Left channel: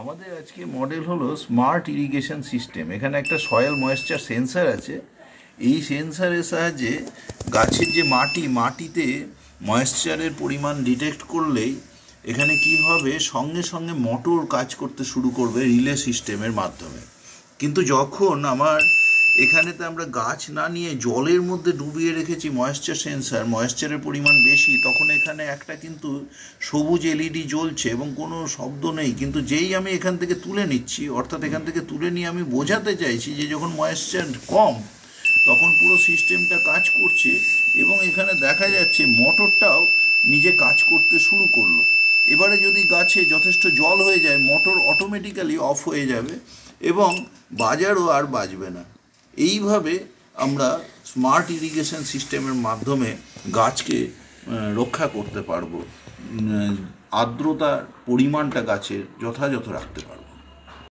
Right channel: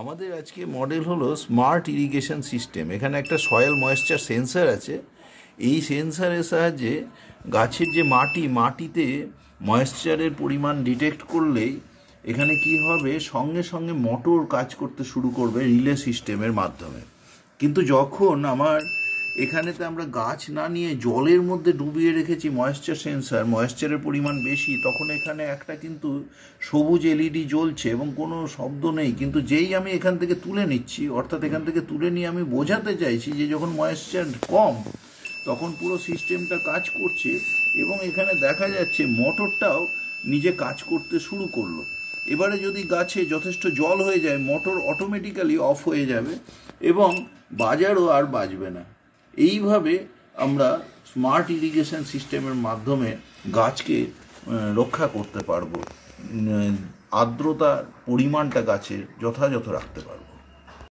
আমাদের আজকে মডেল হলো স্মার্ট ইরিগেশন সিস্টেম। এখানে একটা সয়েল ময়েশ্চার সেন্সার আছে। এই সেন্সারের সাহায্যে গাছের যে মাটিতে ময়েশ্চারের পরিমাণ ডিটেক্ট করলেই এখানে কি হবে, সঙ্গে সঙ্গে মোটর কাজ করতে শুরু করবে রিলে সিস্টেমের মাধ্যমে। কিন্তু যখন এখানেতে আমরা গাছ না নিয়ে জলের মধ্যে ডুবিয়ে রেখেছি ময়েশ্চার সেন্সার, ময়েশ্চারের পরিমাণ বেশি, তখন এখানে একটা কিন্তু সবুজ এলইডি জ্বলছে এবং কোনো শব্দ নেই। কিন্তু যেই আমি এখান থেকে তুলে নিচ্ছি, অর্থাৎ এখান থেকে তুলে নিয়ে আমি বোঝাতে চাইছি যে যখন ময়েশ্চার কম, তখন পুরো সিস্টেমটা কাজ করছে এবং এখানে দেখা যাচ্ছে মোটরটাও নিজে কাজ করতে শুরু করলো। এবারে যদি গাছে যথেষ্ট জল হয়ে যায়, মোটর অটোমেটিক্যালি অফ হয়ে যাবে এবং বাজারও আর বাজবে না। এইভাবে আমরা স্মার্ট ইরিগেশন সিস্টেমের মাধ্যমে গাছকে রক্ষা করতে পারবো, আর্দ্রতার পরিমাণটা গাছের যথাযথ রাখতে পারবো।